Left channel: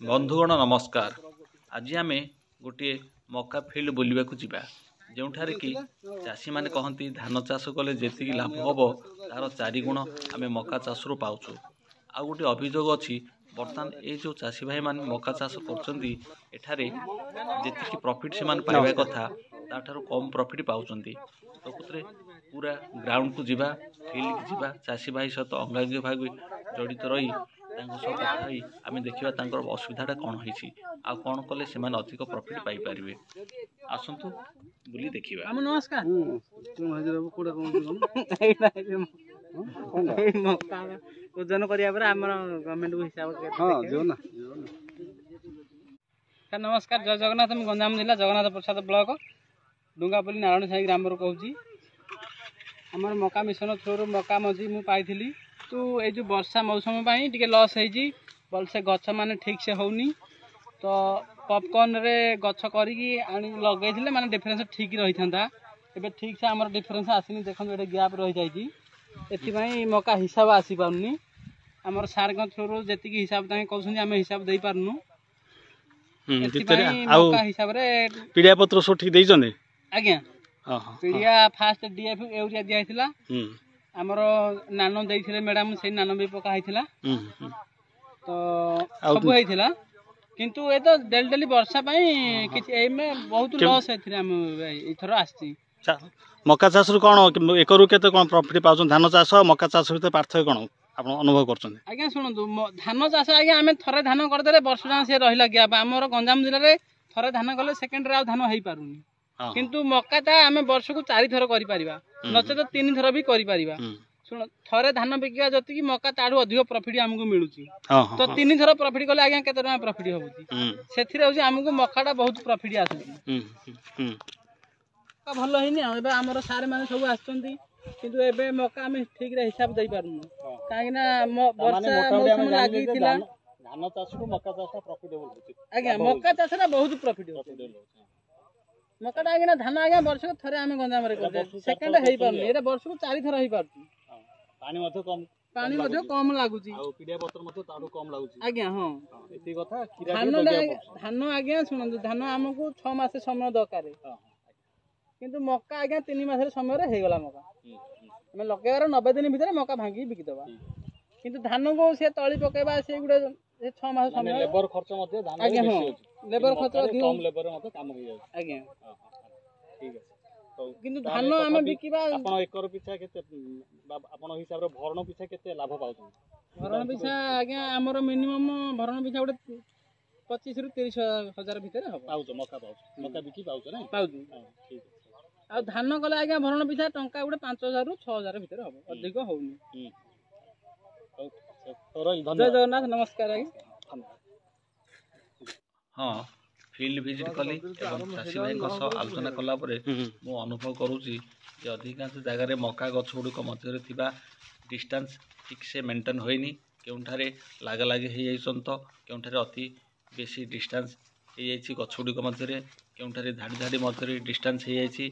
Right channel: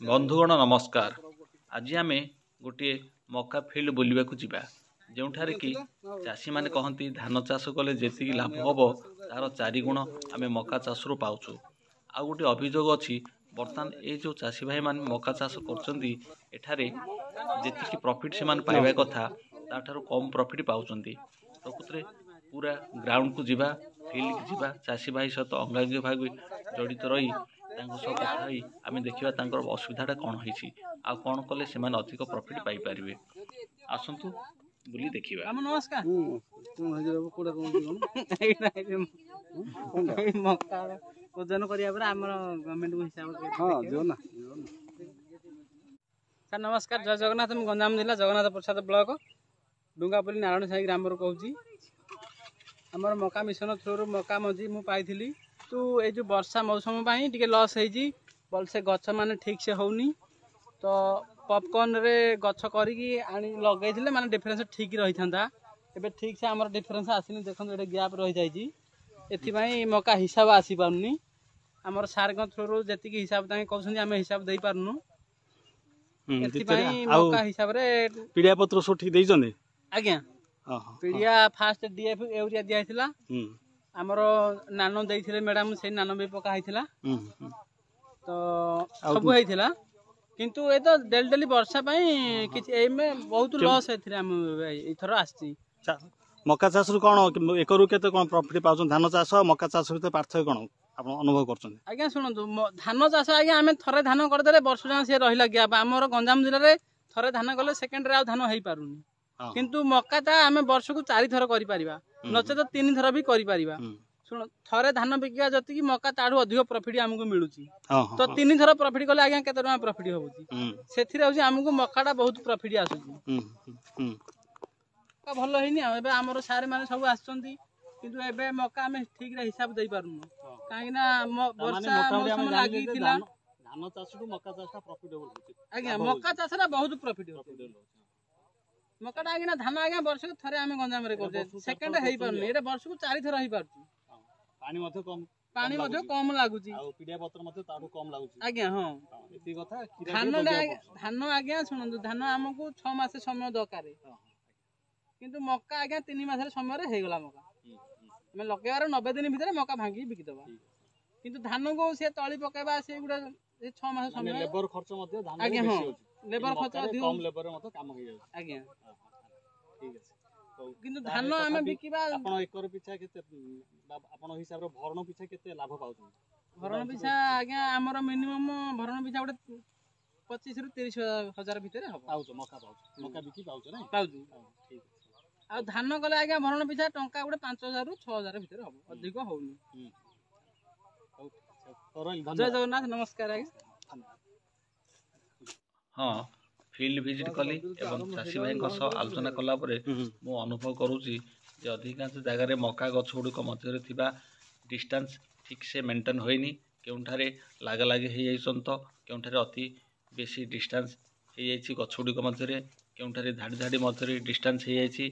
बंधुगण नमस्कार। आज आम गोटे मका फिल्ड बुलवाक जा जो कि चाषी मैंने कहती धान चाष कले जी लाभ हम तार 4 गुण आम मका चाष रू पाचु। आ गोटे अभियोग अच्छी बर्तमान ये जो चाषी भाई मान मका चाष कर प्रॉफिट से पाइबा कथा ताठार कम प्रॉफिट पाँच। प्रकृत में पूरा ग्राउंड को जीवा फील्ड की जीवा चाषी भाई सहित अंगांगी भाग जड़ित रही कथा आम देखा असुविधा कौन होती आ कौन कले से अधिक प्रॉफिट पाई पारे। आसतु बुली देखिबा। नमस्कार ओजन करिया पर हमर गवर्नमेंट को हिसाब के सर नमस्कार जय जगन्नाथ। मैं गंजाम जिला जगन्नाथ प्रसाद ब्लॉक डुंगापल्ली नारायण साई ग्राम कहूँ। आमर मका मिशन थ्रू मका मझी मु पाई तो ये वर्षा मौसम टी लस होती भलसे गछ मान ठीक से होनी तो पॉपकॉर्न रे गछ करी लगे माने डिफरेंस ठीक रही था। एबे ठीक से आमर डिफरेंस आसनी देखो ये गैप रही जाइए एथि मका हिसाब आसी पारनी। आमर सार थ्रू जी हिसाब कहते आम हिसाब दे पारनु मका हिसाब रे पीड़िया पत्र सब ठीक देइछन आज्ञा। पीड़िया फास्ट डीएफ यूरिया दिया आमर नानो देइथिले मैडम से नानो भी पका होइथिला तो सब होइथिला किंतु ए तो डेली डेली वर्षा पई किछ ए में बहुत लॉस हेथिले हम इथर आछि। मका चाष कौन एकरु केते कौन प्रॉफिट पाउछन धान चाष मका चाष भीतर पार्थक्य कौन आप अनुभव करछन? आज्ञा सुनंतु धान चाष आज्ञा आमे थरे धान कर देले वर्ष जान से रहिला गया हमर गंजाम जिल्ला रे थरे धान गले सेकंड रे आ धान हेई पारुनी किंतु मका ता आमे वर्ष को 4 थर करि परिबा नचे तो 3 थर भी करि परिबा। सुन थरे धान बिकिया जति कि मका ताडू अधिक प्रॉफिट हमको मिलुची तो 3 थर प्रॉफिट कले आज्ञा केते टका प्रॉफिट होउची सेथिरे होची हमको मकाटा बहुत प्रॉफिट आसुची भलो हेनी। एबे हमर सारे माने सब आछंती किंतु एबे मका हम ठीक रे हिसाब दे पारुनु काहे ना वर्षा मौसम लागि थिला धान चाष को मका चाष प्रॉफिटेबल होची आज्ञा। मका चाषरा बहुत प्रॉफिट होची मकाटा आज्ञा धान आज्ञा वर्ष को थरे आमे गंजाम रे कर सेकंड हेई पारनी एरा वर्ष को 4 थर हेई पारती पानी मध्य कम लागुची आ पीड़िया पत्र मध्य ताडू कम लागुची आज्ञा। हां एती कथा धान आज्ञा सुनंतु धान हमको 6 मास समय दरकार किंतु मका आज्ञा 3 मास समय रे हे गला मका हमें लगेबार 90 दिन भीतर मका भांगी बिकी दबा किंतु धान को से तळी पकेबा से गुडा 6 मास समय लेबर खर्च मध्य धान आज्ञा। बेसी हां होची लेबर खर्च कम लेबर मध्य काम हो जाय आज्ञा। ठीक है किंतु धान आमे बिकिबा आपण एकर पिछा केते आपण हिसाब रे भरण पिछा केते लाभ पाउछन? भरण पिछा आज्ञा हमर मिनिमम भरण पिछा गुडे 25 रु 30 हजार भीतर हो पाउछ मका पाउछ मका बिकी पाउछ नै पाउछ। ठीक आ धान कले आज्ञा भरण पिछा टंका गुडे 5000 रु 6000 भीतर हो अधिक होउनी। जय जगन्नाथ नमस्कार आज्ञा। हाँ फील्ड विजिट कली एवं चाषी भाई आलोचना कला मु अनुभव करुँची अधिकांश जगार मका गछ गुड़िक मध्य डिस्टेंस ठीक से मेंटेन होइनी केउठारे लागा लागी हो तो केउठारे अति बेसी डिस्टेंस हो जाइए गछ गुड़िक मध्य केउठारे धाड़ी धाड़ी मध्य डिस्टेंस हो जाइए।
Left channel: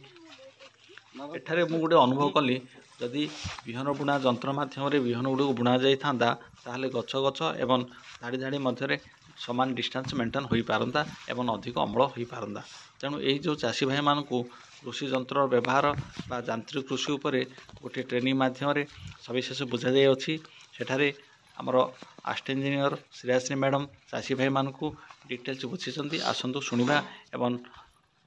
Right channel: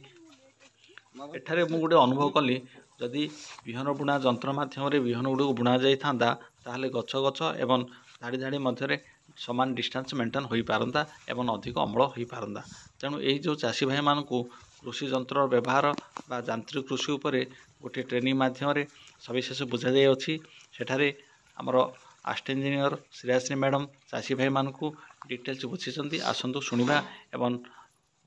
एठारे मु गोटे अनुभव कली जदि विहन बुणा जंत्र माध्यम विहन गुड़ी बुणा जाता ताहले गछ गछ एवं धाड़ी धाड़ी मध्य समान डिस्टेंस मेंटेन हो पारंता एवं अधिक अम्ल हो पारंता। तेणु यही जो चाषी भाई मानू कृषि जंत्र व्यवहार बा यांत्रिक कृषि उपरे गोटे ट्रेनिंग माध्यम सविशेष बुझा जाइए सेठारे आमर आस्ट इंजीनियर श्रेयाश्री मैडम चाषी भाई मानू डिटेल्स बुझी आसतु शुणा एवं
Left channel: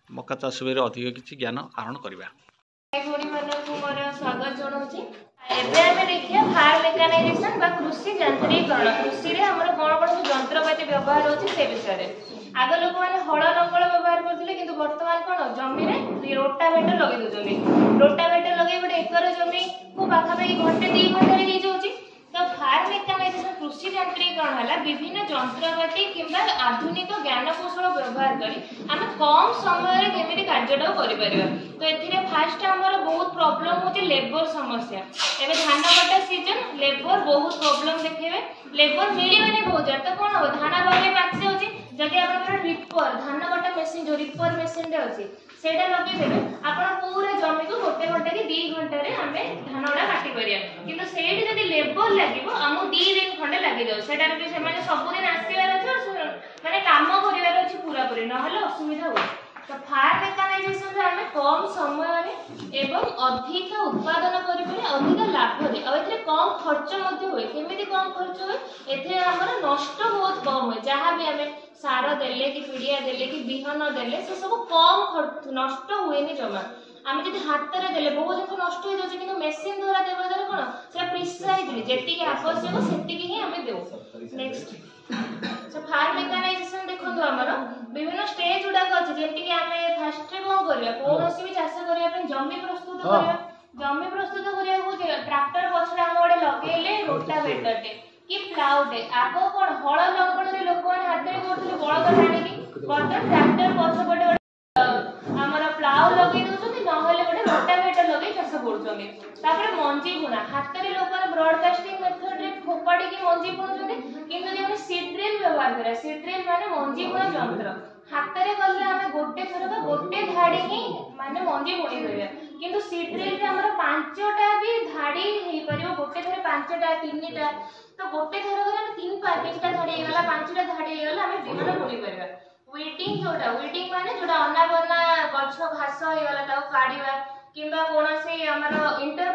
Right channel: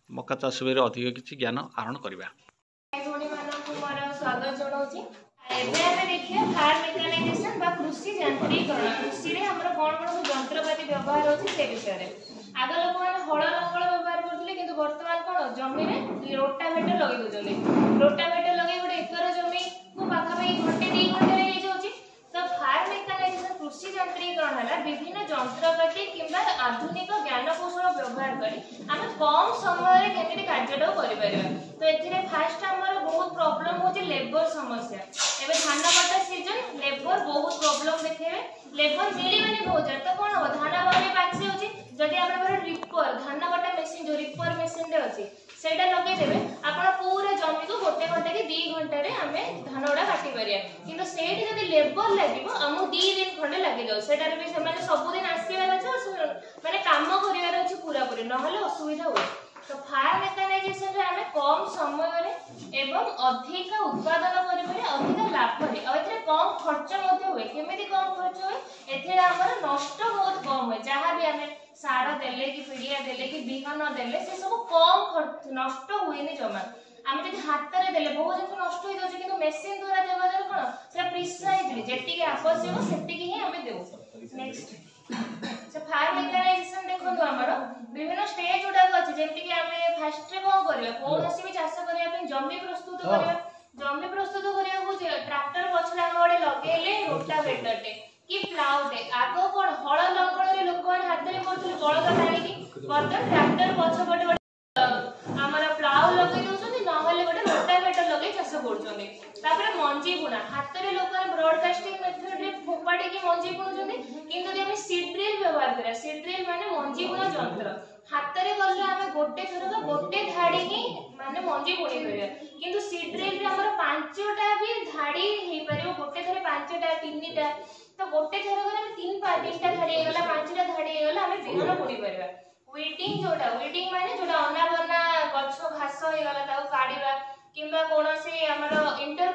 मका चाष विषय अधिक किसी ज्ञान आहरण करवा। स्वागत जनाऊँगी देखिए फार्म मेकानाइजेशन बा कृषि यांत्रिकरण कृषि रे हमर कोन कोन यंत्रपाती व्यवहार होची से विषय रे आग लोक माने हळ नकळ व्यवहार करथिले किंतु वर्तमान कोन जमी रे रोटावेटर लगे दोजोले रोटावेटर लगे गोटे एकर जमी को पाखा भाई घंटे 2 घंटे रे हे जोची तो फार्म मेकानाइजेशन कृषि यांत्रिकरण हला विभिन्न यंत्रपाती किंबा आधुनिक ज्ञान कौशल व्यवहार करी आमे कम समय रे केमिति कार्यटा करि परिबा। तो एथिरे फास्ट हमर बहुत प्रॉब्लम होची लेबर समस्या एबे धान कटा सीजन लेबर बहुत प्रॉब्लम देखेबे लेबर मिलिबे बहुत जार तो कोन हो धान बाले पाछि होची जदि आपन रिपर धान कटा मशीन जो रिपर मशीन रे अछि सेटा लगे देबे आपन पूरा जमी को गोटे घंटा के 2 घंटा रे हमें धानडा काटी परिया किंतु सेठी जदि लेबर लागिवो हमु 2 दिन खंडे लागि जाउ सेटा रे भी से माने सब दिन आसीबा अछि एवं अधिक उत्पादन करिपारे अधिक लाभ रे आ एथरे कम खर्च मध्ये होय केमिति कम खर्च होय एथे हमर नष्ट बहुत कम होय जहां भी हमें सार देले कि पिडिया देले कि बिहन देले से सब कम खर्च नष्ट हुएनी जमा आम जब हाथ में देले बहुत जिन नष्ट हो जाए कि मेसीन द्वारा देवा द्वारा कौन से प्रिसाइजली जेतिक आवश्यक सेतिक ही आम देउ नेक्स्ट फार्म मेकानाइजेशन देखो हमर विभिन्न स्टेज गुडा अछि जेति कि आमे फर्स्ट रे कोन करिया कोनोसी भी चाष करिया पे जमी प्रस्तुत करिया जमी प्रस्तुत करिया को ट्रैक्टर पछरे हम ओडे लगेले रोटावेटर टे कि प्लाउ टे आगो कोन हळ लंगण रे लोक माने हाथ रे करथले बळद टाणी कि बर्तन ट्रैक्टर पछ पटे हमर प्लाउ लगै दोछथि नहले गोटे रोटावेटर लगै चाष करछथि तापर मंजी बुना हाथ रे लोक माने ब्रॉडकास्टिंग मेथड रे फोपाडी कि मंजी बुनछथि किंतु जे हम सीड ड्रिल व्यवहार करा सीड ड्रिल माने मंजी बुना यंत्र हाथ रे गले हम गोटे थरक गोटे धाडी ही माने मंजी बुनी देला किंतु सीड ड्रिल रे हमर पांचटा भी धाडी हे परियो गोटे थरे पांचटा तीनटा तो गोटे थरक हम तीनटा धाडी हेला पांचटा धाडी हेला हम बिहन बुनी परबा वीटिंग जोटा वीटिंग माने जोटा अनाबना गछ घास हेला ताऊ काढिबा किंबा कोनोसी हमर इंटर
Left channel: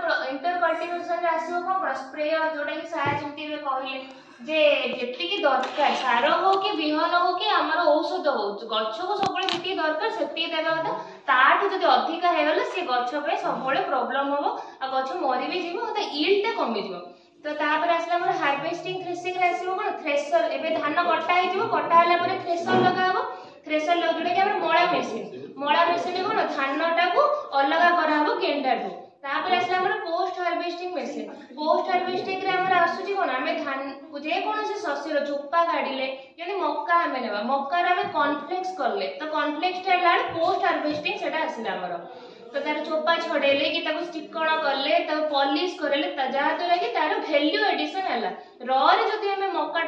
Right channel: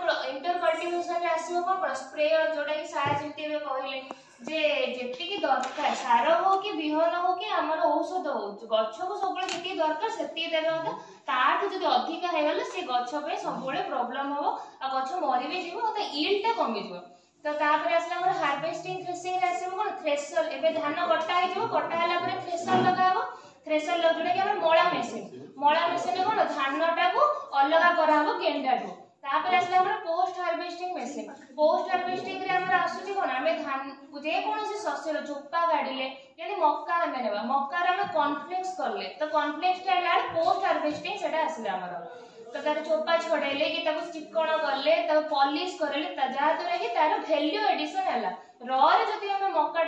कल्टीवेशन रे आसीबो कोन स्प्रेयर जोटा कि साया चिंती रे कहले जे जेति की दरकार सार हो कि बिहन हो कि हमर औषध हो गछ को सबले जेति दरकार सेति देबा कथा ताठु जदि अधिक हे गेले से गछ पे सबले प्रॉब्लम हो आ गछ मरि भी जीवो तो यील्ड टा कमी जीवो तो तापर आसला हमर हार्वेस्टिंग थ्रेसिंग रे आसीबो कोन थ्रेशर एबे धान कटा हे जीवो कटा हला परे थ्रेशर लगाबो थ्रेशर लग जोटा कि हमर मळा मेसिन कोन धान टा को अलगा कराबो केंडा को तापर आसला हमर पोस्ट हार्वेस्टिंग रे हमर आसुची कोन हमें धान जे कोनोसी शस्य रो चोपा काढिले यदि मक्का हमें नेबा मक्का रे हमें कॉर्नफ्लेक्स करले तो कॉर्नफ्लेक्स टा लाड पोस्ट हार्वेस्टिंग सेटा आसीला हमर तो तार चोपा छडेले कि ताको चिकण करले ताको पॉलिश करले ता जा तो कि तार वैल्यू एडिशन हला र रे जति हमें मक्का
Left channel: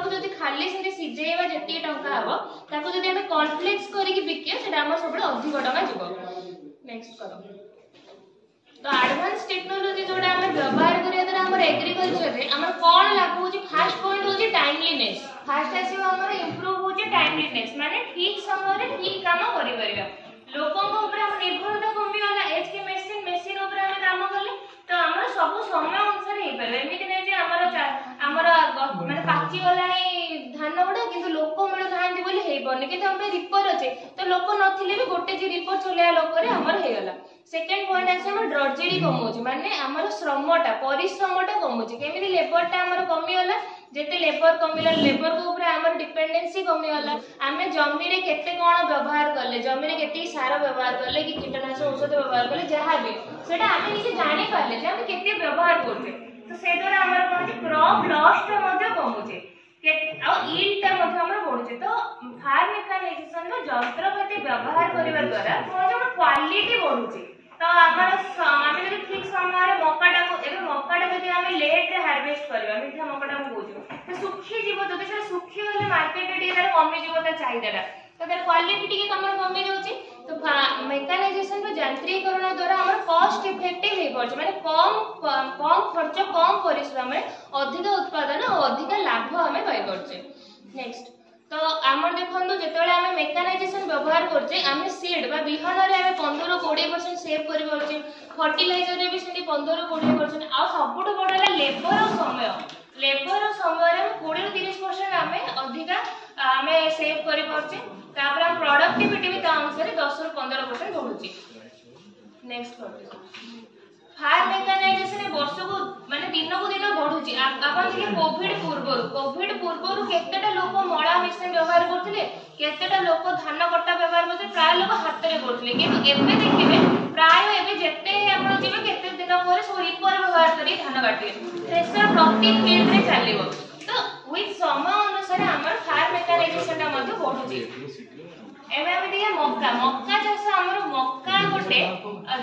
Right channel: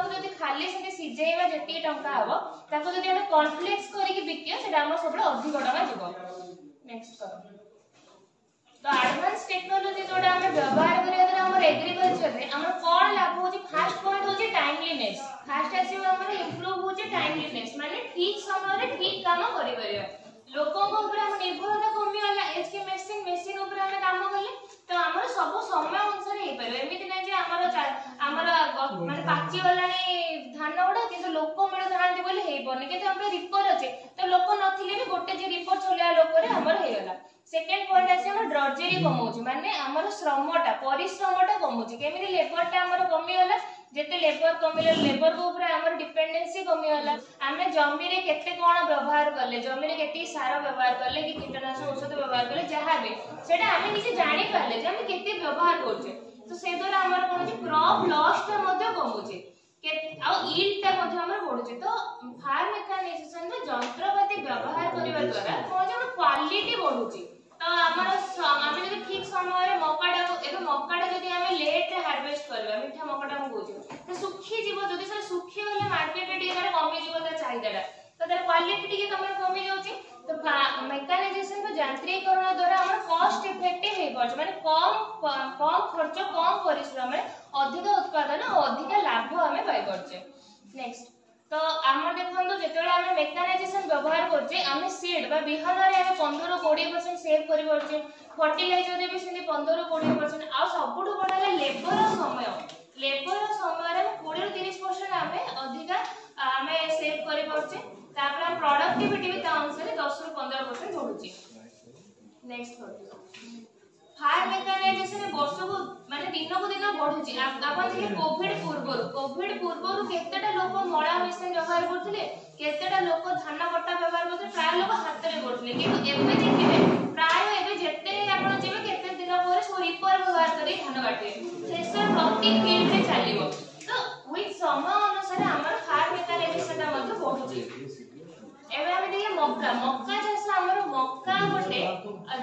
को जति खाली से सिजेइबा जति टंका हबो ताको जति हमें कॉर्नफ्लेक्स करी कि बिकिया सेटा हमर सबले अधिक टंका जीवो नेक्स्ट करो तो एडवांस टेक्नोलॉजी जोडा हमें व्यवहार करिया द्वारा हमर एग्रीकल्चर रे हमर कोन लाभ होची फर्स्ट पॉइंट होची टाइमलीनेस फर्स्ट आसीबो हमर इंप्रूव होची टाइमलीनेस माने ठीक समय रे ठीक काम करि परिया लोकों को ऊपर हम निर्भरता कमी वाला एज के मशीन ऊपर हम काम करले तो हमर सब समय अनुसार हे परबे एमिति नै जे हमर माने पाची वाला धान उडा किंतु लोक मिल थांती बोली हे बने कि हम पे रिपोर्ट अछि तो लोक नथिले भी गोटे जे रिपोर्ट चलेया लोक रे हमर हे गला सेकंड पॉइंट आसी हमर ड्रॉजरी कमौची माने हमर श्रमटा परिश्रमटा कमौची केमिति लेबरटा हमर कमी होला जेते लेबर कमिला लेबर को ऊपर हमर डिपेंडेंसी कमी होला आमे जमी रे केते कोन व्यवहार करले जमी रे केते सार व्यवहार करले कि कीटनाशक औषध व्यवहार करले जहा भी सेटा आमे निजे जानि पाले जे हम केते व्यवहार करछे तो से द्वारा हमर कोन जे क्रॉप लॉस टा मध्ये कमौची के आ यील्ड टा मध्ये हमर बढ़ुचे तो फार्म मेकानाइजेशन रो यंत्रपाति व्यवहार करबा द्वारा कोन जे क्वालिटी बढ़ुचे तो आमे जदि ठीक समय रे मक्काटा को एबे मक्काटा जदि आमे लेट रे हार्वेस्ट करबा मिठा मक्काटा को बोझो तो सुखी जीव जदि से सुखी होले मार्केट रे तार कमी जीव ता चाहिदाटा तो तार क्वालिटी टिके हमर कमी जाउची तो मेकानाइजेशन रो यांत्रिकरण द्वारा हमर कॉस्ट इफेक्टिव हे पड़छ माने कम खर्च कम परिश्रम रे अधिक उत्पादन और अधिक लाभ हमें पाई पड़छ नेक्स्ट तो आमर देखंदो जेतेबेले हमें मेकानाइजेशन व्यवहार करछे हमें सीड बा बिहन रे हमें 15-20% सेव करि परछे फर्टिलाइजर रे भी सेंती 15-20% आ सबुठ बडला लेबर समय रे 20-30% हमें अधिका हमें सेव करि परछे तापर हम प्रोडक्टिविटी भी ता अनुसार 10-15% बढ़ुची नेक्स्ट करते फार्म मेकानाइजेशन वर्ष को माने दिन को दिन बढ़ुची आपण देखि कोविड पूर्व केतेटा लोक मळा मेसिन व्यवहार करथिले केतेटा लोक धान कटा व्यवहार करथिले प्राय लोक हाथ रे करथिले किंतु एबे देखिबे प्राय एबे जेते आपण जिबे केते दिन पर सो रिपर व्यवहार करी धान काटिबे थ्रेशर प्रति फील्ड रे चलिबो तो विथ समय अनुसार हमर फार्म मेकानाइजेशन ता मध्ये बढ़ुची एबे हम देखिए मक्का चाष हमर मक्का गोटे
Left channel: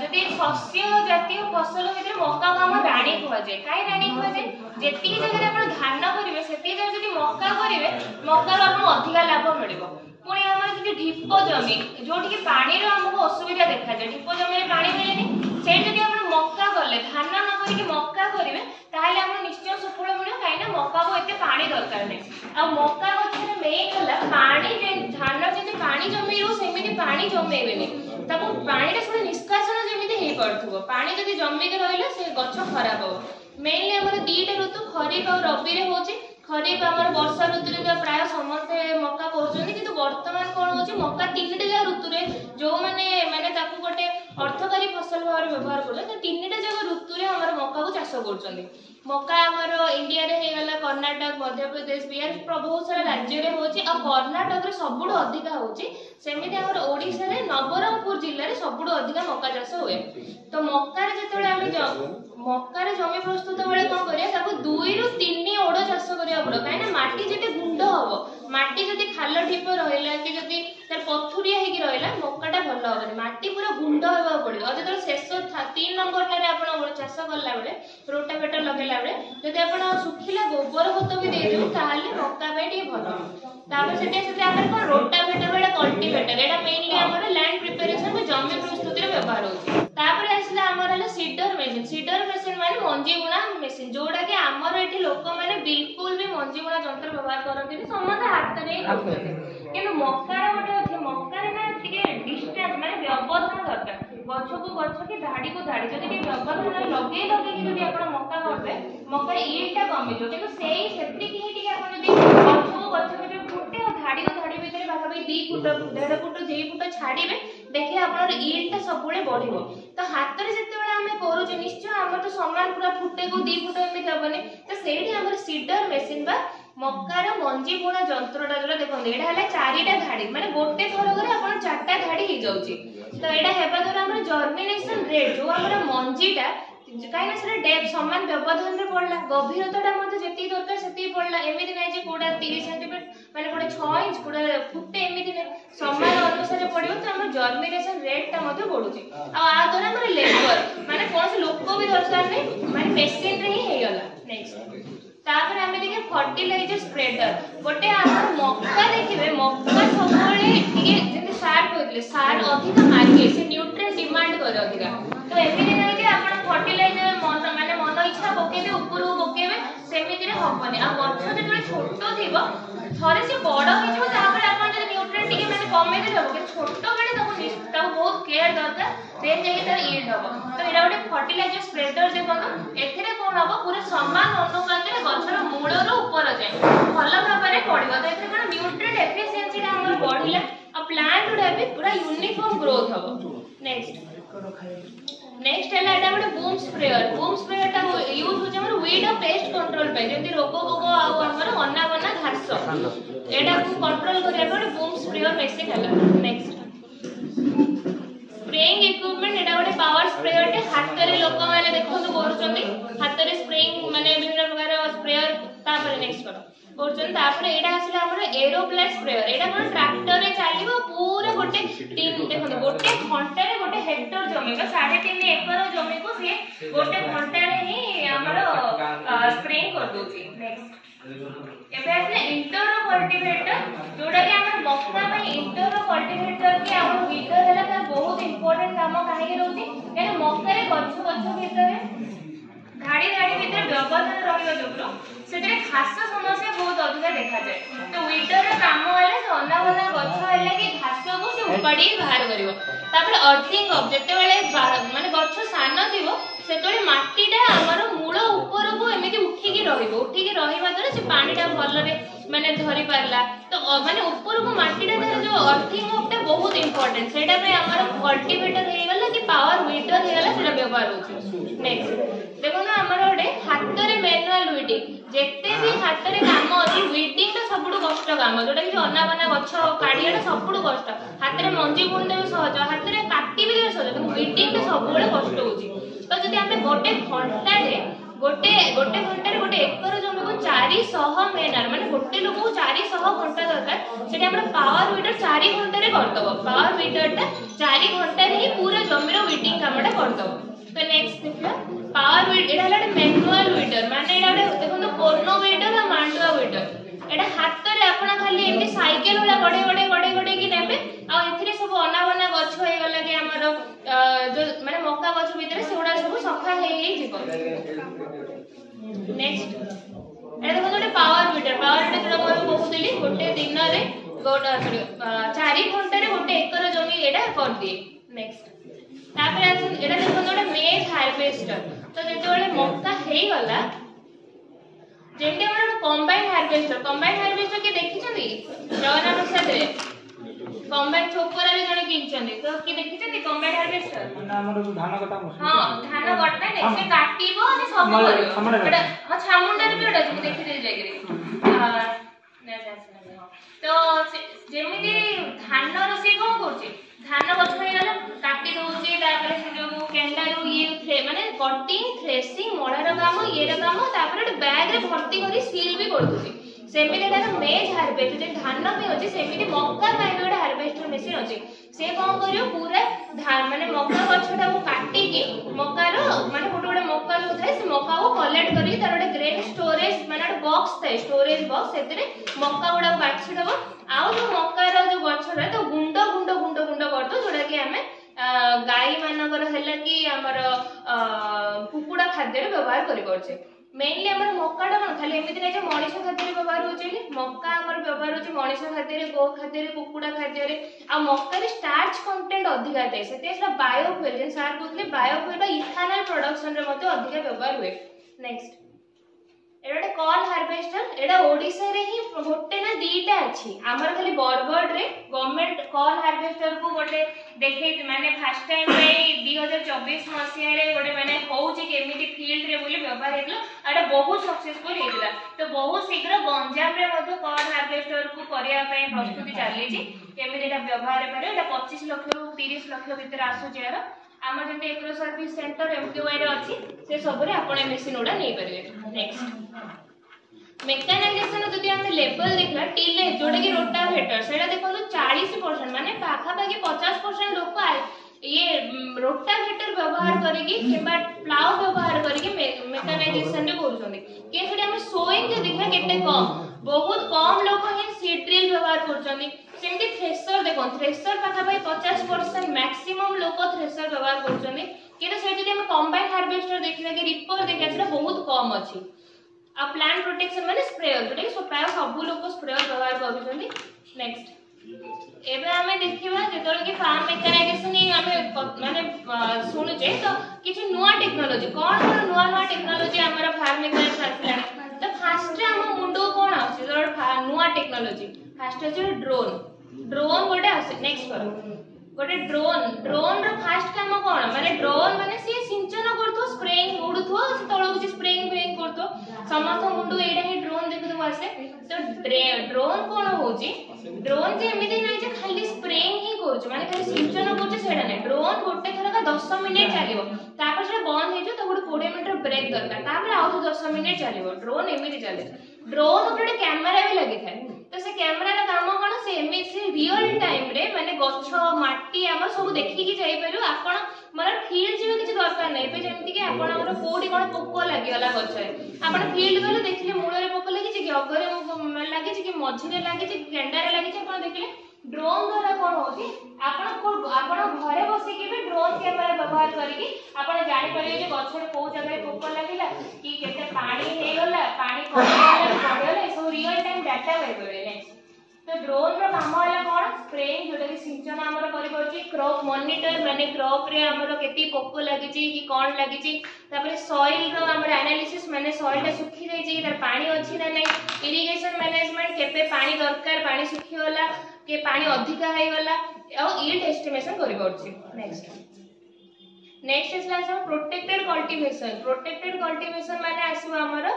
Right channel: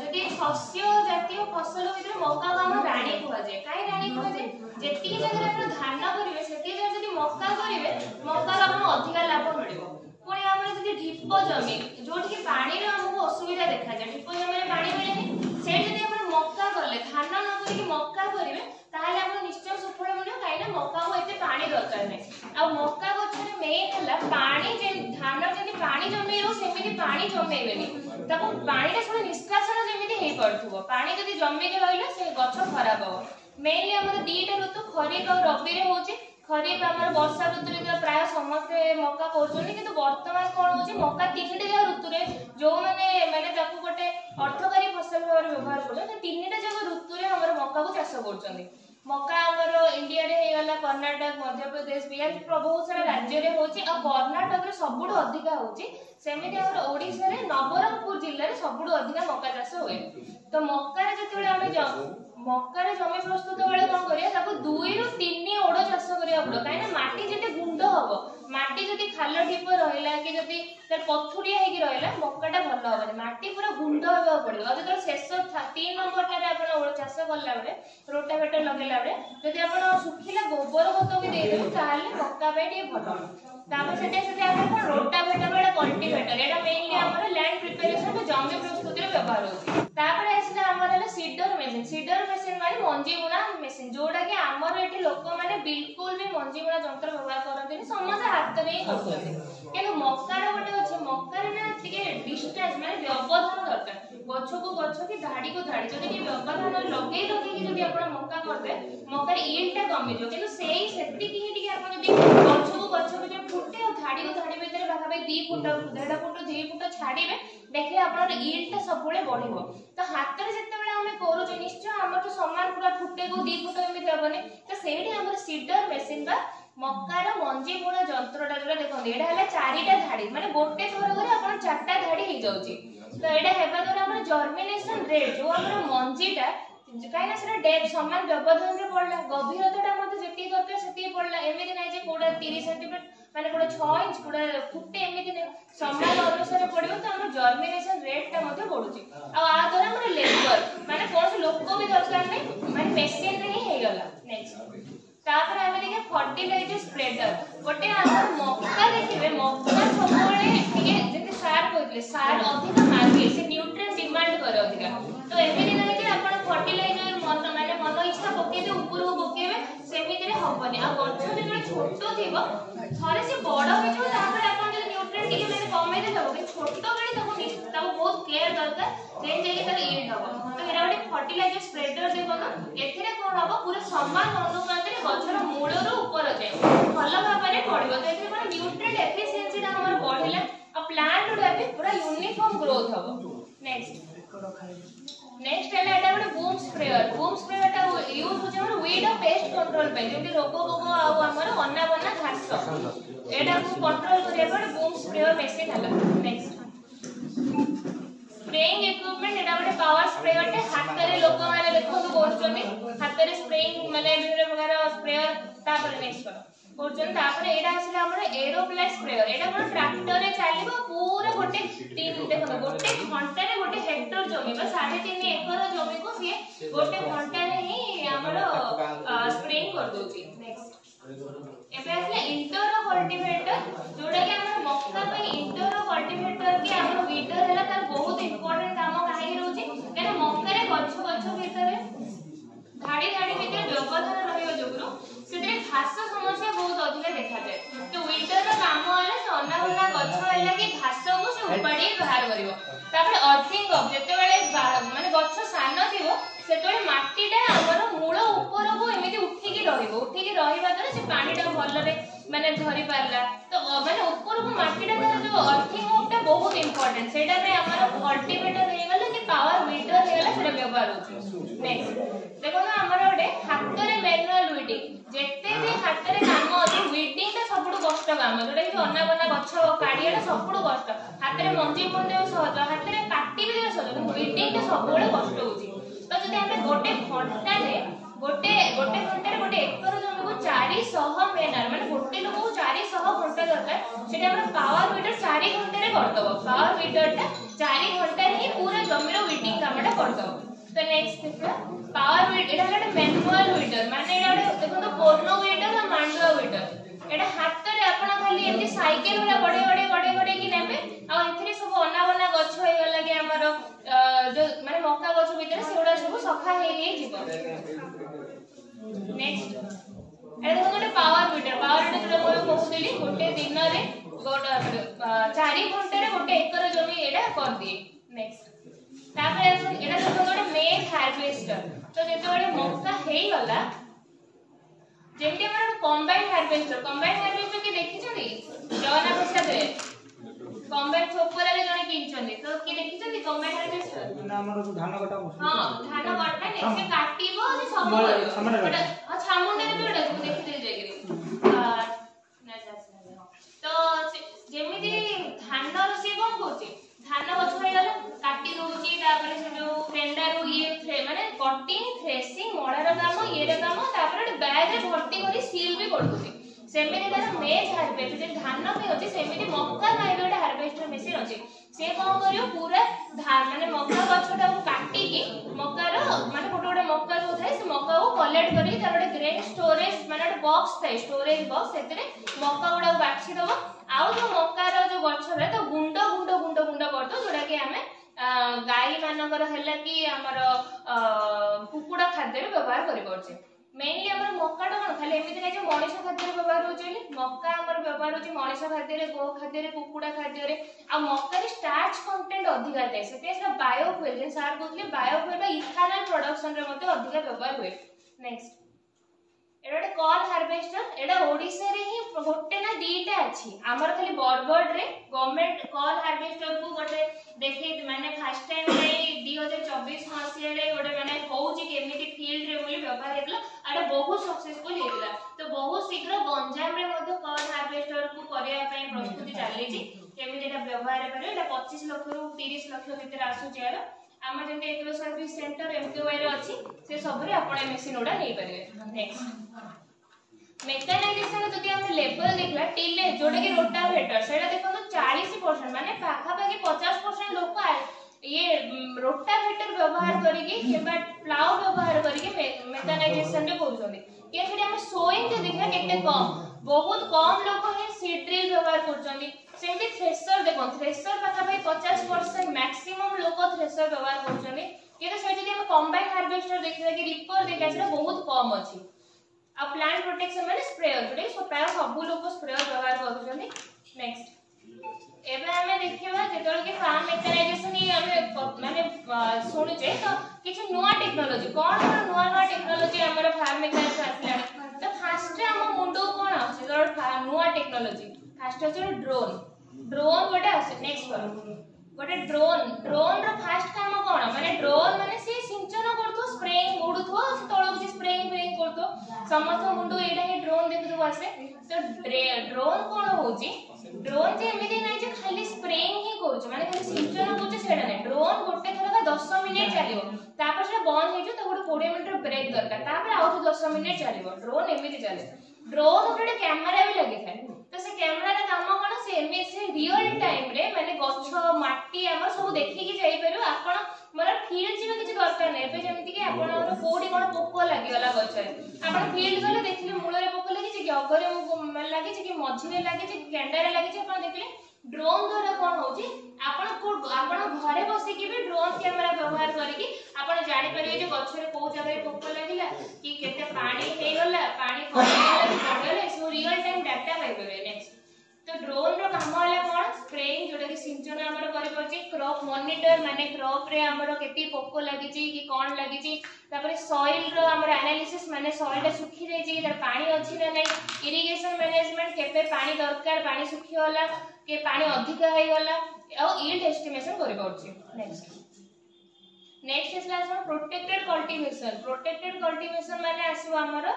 जदि शस्य जातीय फसल होइते मक्का को हम रानी कहवा जाय काई रानी कहवा जाय जेति जगह आपण धान करिवे सेति जगह जदि मक्का करिवे मक्का रो आपण अधिक लाभ मिलिबो पुणी हमर जदि ढिप जमी जोठी कि पानी रो हमको असुविधा देखा जाय ढिप जमी रे पानी मिलेनी से जदि आपण मक्का करले धान न करि कि मक्का करिवे ताहले आपण निश्चय सफल मिलियो काई ना मक्का को एते पानी दरकार नै आ मक्का गछरे मेन होला पानी जे धान जदि पानी जमेइयो सेमिति पानी जमेइबेनी त पानी सब निष्कासन जमी हो पार्थो पानी जब जमिक रहा से गछ खराब हो मेनली आम दीटा ऋतु खरीफ और रबी होची खरीफ आम वर्षा ऋतु प्राय समस्ते मक्का कर बर्तमान कौन हो मक्का 3टा ऋतु जो मैंने गोटे अर्थकारी फसल भाव व्यवहार कर 3टा जाक ऋतु आम मक्का को चाष कर मक्का आमर इंडिया रे गला कर्नाटक मध्य प्रदेश बिहार बहुत सारा राज्य रे होची आ कर्नाटक रे सबुठ अधिका होची सेमिति आमर ओडिसा रे नवरंगपुर जिल्ला रे सबुठ अधिका मक्का चाष हुए तो मक्का रे जेतेबेले आमे मक्का रे जमी प्रस्तुत बेले कोन करिया ताको 2 रु 3 ओड चाष करिया पड़ो काहे ना माटी जेते गुंड हबो माटी जदि खाल ढिप रहिला कि जदि तर पथुरिया हेकि रहिला मक्काटा भल हबनी माटी पूरा गुंड होबा पड़ियो जदि शेष 3 नंबर टारे आपण चाष करला बेले रोटावेटर लगेला बेले जदि आपण सुखिला गोबर खत भी दे देबो ताहाले मक्का पे ठी भल तापर सेते आमे कोन रोटावेटर बेले कल्टीवेटर एटा मेनली हमर लैंड प्रिपरेशन में जमी प्रस्तुति रे व्यवहार होची तापर आसला हमर हला सीडर मेसिन माने मंजी बुना मेसिन जोडा कि हमर एठी लोक माने बिल्कुल भी मंजी बुना जंत्र व्यवहार करथि समस्त हाथ रे करथि किंतु मक्का रे गोटे अछि मक्का रे ना तिके डिस्टेंस माने व्यवधान दरकार गछ को गछ के धाड़ी को धाड़ी जदि के व्यवधान लगे कि जदि आपण मक्का करबे मक्का ईल्डटा कमी जो किंतु सेही सेति कि हे कि आपण जदि गछ के जो फुटे और धाड़ी को धाड़ी भीतर बाका भाई 2 फुट 1.5 फुट 2 फुट छाड़ीबे देखिए आपण ईल्डटा सबुले बढ़िबो तो हाथ रे जते बेला हमें करू जे निश्चय हमर तो समान पूरा फुटे को 2 फुट एमि हेबने तो सेठी हमर सीडर मेसिन बा मक्कार मंजी बुणा जंत्रटा जो देखो एडा हला 4टा धाड़ी माने गोटे थर करे आपण 4टा धाड़ी हे जाउची तो एडा हेबा द्वारा हमर जर्मिनेशन रेट जो हमर मंजीटा काइना से डेप्थ समान व्यवधान रे पड़ला गभीरताटा मध्ये जेती दरकार सेती पड़ला एमिति नै जे कोडा 30 सेंटीमीटर माने कोडा 6 इंच कोडा फुटे एमिति नै समान अनुसार पड़ियो तो हमर जर्मिनेशन रेटटा मध्ये बढ़ुची आ द्वारा हमर लेबर माने कोन से लोक भी दरकार नै माने मशीन रे ही हे गला नेक्स्ट तापर हमें देखिए फर्टिलाइजर स्प्रेडर गोटे हमर मक्का देखिबे मक्का सबले के जेते सार कहले सार अधिक मार्के से न्यूट्रिएंट डिमांड करे अधिक तो एमिति नै जे आपण फर्टिलाइजर माने मन इच्छा पकेबे ऊपर पकेबे सेमिति रे होबनी आ गछ जेते छोटो थिबो थरे से बड़ हो जो तापर आपण जे न्यूट्रिएंट टिके माने कमे दे देबो कि छोटो बेले ताको बहुत केयर दरकार देन जे तार यील्ड हो तो एरा गोटे फर्टिलाइजर स्प्रेडर देखो एथिरे कोन हो पूरा समान अनुपात रे गछर मूल रो ऊपर जाय भल भाबरे पड़िबो तो एथिरे माने न्यूट्रिएंट एफिशिएंसी टा हमर बढ़िला आ प्लांट उडा भी पूरा यूनिफॉर्म ग्रोथ हो नेक्स्ट है एटा गोटे बूम स्प्रेयर टा यूज होचे हमर वीड और पेस्ट कंट्रोल पे जेंति रोग भोग आ हमर अना बना घास एटा को कंट्रोल करिया गोटे बूम स्प्रेयर मेसिन हला नेक्स्ट स्प्रेइंग इक्विपमेंट एटा गोटे पावर स्प्रेयर टे हाथ रे लोक माने देखो तो करूचंती हाथ रे स्प्रेइंग माने विभिन्न प्रकार स्प्रेयर तापर नेक्स्ट करो करछन तापर एटा आसीला हमर एरोप्लेन स्प्रेयर एटा कोन ट्रैक्टर रे चलीबो पूरा गोटे टीम देखो गोटे घंटा रे गोटे हेक्टर जमी 3.5 एकर जमी को से गोटे घंटा रे ही हमर स्प्रेइंग कर दोची नेक्स्ट एबे आसीला इंटर कल्टीवेटर जोडा कि हमर मक्का पे इंटर कल्टीवेटर के हमर वीडर हैला तार बहुत इंपोर्टेंट काम काहे रहउची केना मक्का रे गछ भीतर धाड़ी भीतर व्यवधान रहियो जोगरो सेते घास समस्या बहुत अधिक देखा जाए तो वीडर रे काम हैला से अनावना गछ हैला कि घास को से उपाड़ी बाहर करिवो तापर अर्थिंग ऑब्जेक्ट बेले माने गछ सान थिवो सेतोले माटीटा हमर मूल ऊपर को एमिति उठी की रहिबा द्वारा से पानीटा भल रे माने धरि पारला तो माने ऊपर को माटीटा जो अर्थिंग ऑब्जेक्ट बहुत इंपोर्टेंट सेटा रे हमर कल्टीवेटर हे गला कि पावर वीडर हे गला सेटा व्यवहार होची नेक्स्ट देखो ना हमर ओडे हाथ रे मैनुअल वीडिंग जेते भी हाथ रे काम अछि वीडिंग ता सबुडु कष्ट काम जोटा कि अना बना गछ काढियाटा सबुडु कष्ट हाथ रे मंजी बुंदे सहज हाथ रे काटी भी सहज तो वीडिंग ता सबुडु कष्ट होची तो जदि हमें गोटे घंटा रे गोटे घंटा रे गोटे एकर जमी को 400 मेनर माने गोटे लोक को 400 घंटा दरकार सेटा हमरा पावर वीडर 4 घंटा रे करदबो पावर वीडर ता 4 घंटा रे ही पूरा जमी रो वीडिंग कामटा करदबो तो नेक्स्ट देखियो पावर वीडर एटा हला मैनुअल वीडर माने एटा देखो तो कोर्नो वीडर और मांडुआ वीडर एटा हाथ रे आपण खाली एमि साइकिल वाला गडे कि नेबे आ एथिरे सब अनावना गछ होय गला के हमर जो माने मक्का गछ भीतर सेडा सब सफा हे जीवो नेक्स्ट एटा देखो गोटे पावर वीडर तो मोर बहुतली गोटे दिन रे 4 घंटा रे गोटे एकर जमी एटा कर दिए नेक्स्ट तापर एटा देखो गोटे मेज हार्वेस्टर तो जेतेबेले मक्का हेई गला जेमते हमर कंबाइन हार्वेस्टर के देखिछन्ती जवाना प्रसाद रे कंबाइन छोकरा रे जने किनछन्ती तो की देखिछन्ती कंबाइन हार्वेस्टर ना हमर धान कटा मशीन हां धान कटा नै से काटिबो अनि सब करियो एटा छामुंडा रे बेडा तुम देखि दे जाइगे तो जेमिति धान रसी कोन करछे धान गछ हे गला काटी दोछे तापर से जो केंडारू ये माने कटिंग थ्रेसिंग मळार काम ये काम तापर बैग रे भर्ती करी सील भी कर दोछे सेमिति तार मेज हार्वेस्ट जे धान भी अछि सेमिति मक्का ପାଇଁ ଗୋଟେ हार्वेस्टर मशीन अछि से कोन करियो पूरा धान माने मक्का गछटा को काटी के मक्का रो माने गोटे मक्का जो थाए से मक्का को कलेक्ट करी तार ଗୋଟେ ग्रेन स्टोरेज माने ଗୋଟେ बॉक्स थाए स्टोरेज बॉक्स सेतरे मक्का गुडा बाछि दबो आउ जो मक्का रो जो गछरा तो गुंडो गुंडो गुंडो गुंडो करतो जोडा कि हमें गाई मानकर हैला कि हमर कुकुडा खाद्य रे व्यवहार करि परछे मेनली हमर मक्काटा कोन खाली एमिति नै जे मनीष खाद्य रे व्यवहार होचेली मक्का हमर व्यवहार होची मनीष खाद्य रे गो खाद्य रे कुकुडा खाद्य रे आ मक्का रे स्टार्च कंटेंट अधिका थाए सेते बायोफ्यूल जे सार कहथले बायोफ्यूल बा इथानल प्रोडक्शन रे मते अधिका व्यवहार हुए नेक्स्ट एटा कॉर्न हार्वेस्टर एटा ओडिसा रे ही गोटे ना दीटा अछि हमर खाली बरगड रे गवर्नमेंट कॉर्न हार्वेस्टर को गोटे देखे माने फर्स्ट टाइम रे 2024 मसिया रे गोटे माने होउची केमिति फील्ड रे बोली व्यवहार हेतलो एटा बहुत सक्सेसफुल हेतला तो बहुत शीघ्र गंजाम रे मध्ये कॉर्न हार्वेस्टर को करिया पय प्रस्तुति चाली छी केमिति एटा व्यवहार करे एटा 25 लाख रु 30 लाख भीतर आसु जेर आम जब एग्रो सर्विस सेंटर एमकेवाई रे अछि से सब रे आपण मशीन ओडा नै परिबे नेक्स्ट मेकानाइजेशन जदि हम लेवल देखला टिले जोडे कि रोटावेटर सेडा देखो तो 40% माने पाखा पाखी 50% लोक ये रोटावेटर व्यवहार करिके केबा प्लाउ व्यवहार करिके मेकानाइजेशन रे करूछन्ती केसडी हम सोइंग जे देखला केते कम बहुत कम लोक ही सीड ड्रिल व्यवहार करछन्ती सेमती थ्रेशर देखो थ्रेशर पाखा पाखी 50% मैक्सिमम लोक थ्रेशर व्यवहार करछन्ती केते से जदि हम कंबाइन हार्वेस्टर देखला कि रिपर देखला सेटा बहुत कम अछि आ प्लांट प्रोटेक्शन माने स्प्रेयर जोटा कि प्राय सब लोक स्प्रेयर व्यवहार करूछन्ती नेक्स्ट एबे हमें देखिबा जेतोल कि फार्म मेकानाइजेशन ही हमें माने सुनुचे तो किछि नुवा टेक्नोलॉजी कोन नुवा नुवा टेक्नोलॉजी हमर फार्म मेकानाइजेशन आसलानी तो फास्ट हम मुंडो कोन आछि नुवा टेक्नोलॉजी फास्ट अछि ड्रोन गोटे आसे नेक्स्ट करो गोटे ड्रोन रो फास्ट काम कोन माने ड्रोन माने से सिंचन करथो स्प्रेइंग उडुथो तळो कि स्प्रेइंग करथो समस्त मुंडो एडा ही ड्रोन देखथो आसे तो ड्रोन कोन होची ड्रोन जे एमिति नै जे खाली स्प्रेइंग ही करछ माने खाली सिंचन करछ सेडा नै ड्रोन गोटे थरा का 10 मिनिट चलिबो तापर से बंद हे जो तो गोटे 20 मिनिट ब्रेक दरकार तापर आउ 10 मिनिट चलिबो ड्रोन एमिति चले ड्रोन ऊपर कैमरा भी लगी थाए तो से कैमरा रा काम कोन से एमिति रियल टाइम रे माने गछ माटी हम सब देखि कि जाई परु आपण मोर फील्ड जीवा किछि दरकार नै पे जेमति कि आपण मोर कोडी कोन पोको लागि वाला गछ रे आपण फील्ड गले देखले मूल रे पोको लागि छि कि अगरे लागि छि कि मझी रे लागि छि केंडा रे लागि छि आपण देखले ड्रोन द्वारा कोन होची आपण घरे बसी कि भी ड्रोन कैमरा व्यवहार करिकि आपण जानि परिबे जे गछ रे को जगह रे पोको लागिला कि केते पानी हे गला पानी पड़ेला सब रियल टाइम डाटा पाइबे नेक्स्ट तो ड्रोन रो काम होला कोन स्प्रेइंग जोटा कि सिंचन हमर करि परछि क्रॉप मॉनिटर माने क्रॉप रे हमर केति पोको लागि छि कि कोन लागि छि तापर सॉइल रो हमर एनालिसिस माने सॉइल ता सुखी जाई छि तार पानी अछि ना नै इरिगेशन मैनेजमेंट केते पानी दरकार पानी सुखी होला के पानी अधिक हे गला आ यील्ड एस्टिमेशन करि परछि नेक्स्ट इसला हम प्रोटेक्टेड कल्टीवेशन माने आसु हमर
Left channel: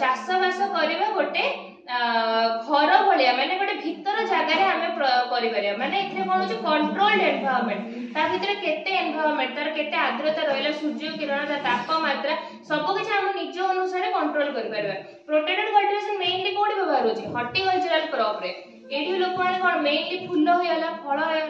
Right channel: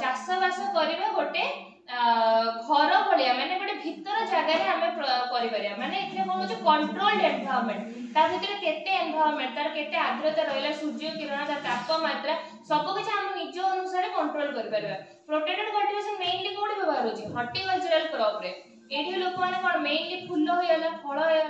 चाष बास करबा गोटे घर भलिया माने गोटे भीतर जगह रे हमें करि परिया माने एथे कोन होची कंट्रोल्ड एनवायरनमेंट ता भीतर केते एनवायरनमेंट तार केते आर्द्रता रहला सूर्य किरण ता तापमात्रा सब किछ हम निज अनुसार कंट्रोल करि परिबा प्रोटेक्टेड कल्टीवेशन मेनली कोडी व्यवहार होची हॉर्टिकल्चरल क्रॉप रे एठी लोक माने कोन मेनली फूल होयला फल